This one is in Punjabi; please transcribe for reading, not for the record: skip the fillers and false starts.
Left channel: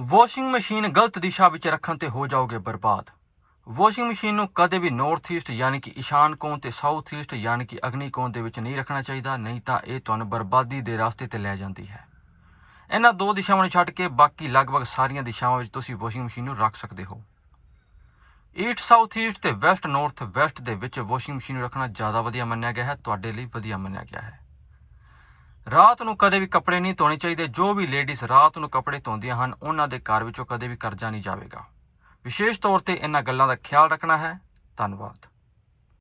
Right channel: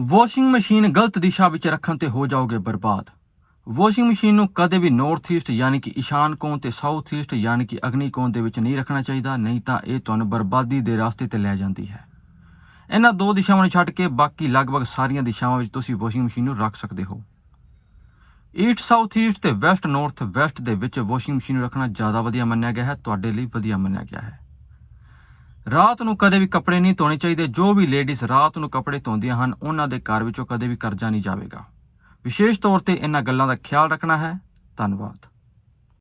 ਵਾਸ਼ਿੰਗ ਮਸ਼ੀਨ ਗਲਤ ਦਿਸ਼ਾ ਵਿੱਚ ਰੱਖਣ ਤੇ ਹੋ ਜਾਓਗੇ ਬਰਬਾਦ। ਵਾਸ਼ਿੰਗ ਮਸ਼ੀਨ ਨੂੰ ਕਦੇ ਵੀ ਨਾਰਥ ਈਸਟ ਯਾਨੀ ਕਿ ਈਸ਼ਾਨ ਕੋਣ ਤੇ ਸਾਊਥ ਈਸਟ ਯਾਨੀ ਕਿ ਅਗਨੀ ਕੋਣ ਦੇ ਵਿੱਚ ਨਹੀਂ ਰੱਖਣਾ ਚਾਹੀਦਾ, ਨਹੀਂ ਤਾਂ ਇਹ ਤੁਹਾਨੂੰ ਬਰਬਾਦੀ ਦੇ ਰਸਤੇ ਤੇ ਲੈ ਜਾਂਦੀ ਹੈ। ਇਹਨਾਂ ਦੋ ਦਿਸ਼ਾਵਾਂ ਨੂੰ ਛੱਡ ਕੇ ਬਾਕੀ ਲਗਭਗ ਸਾਰੀਆਂ ਦਿਸ਼ਾਵਾਂ ਵਿੱਚ ਤੁਸੀਂ ਵਾਸ਼ਿੰਗ ਮਸ਼ੀਨ ਨੂੰ ਰੱਖ ਸਕਦੇ ਹੋ। ਈਸਟ ਸਾਊਥ ਈਸਟ ਤੇ ਵੈਸਟ ਨਾਰਥ ਵੈਸਟ ਦੇ ਵਿੱਚ ਵਾਸ਼ਿੰਗ ਮਸ਼ੀਨ ਨੂੰ ਰੱਖਣਾ ਜ਼ਿਆਦਾ ਵਧੀਆ ਮੰਨਿਆ ਗਿਆ ਹੈ, ਤੁਹਾਡੇ ਲਈ ਵਧੀਆ ਮੰਨਿਆ ਗਿਆ ਹੈ। ਰਾਤ ਨੂੰ ਕਦੇ ਵੀ ਕੱਪੜੇ ਨਹੀਂ ਧੋਣੇ ਚਾਹੀਦੇ। ਜੋ ਵੀ ਲੇਡੀਜ਼ ਰਾਤ ਨੂੰ ਕੱਪੜੇ ਧੋਂਦੀਆਂ ਹਨ ਉਹਨਾਂ ਦੇ ਘਰ ਵਿੱਚੋਂ ਕਦੇ ਵੀ ਕਰਜ਼ਾ ਨਹੀਂ ਜਾਵੇਗਾ। ਵਿਸ਼ੇਸ਼ ਤੌਰ ਤੇ ਇਹਨਾਂ ਗੱਲਾਂ ਦਾ ਖਿਆਲ ਰੱਖਣਾ ਹੈ। ਧੰਨਵਾਦ।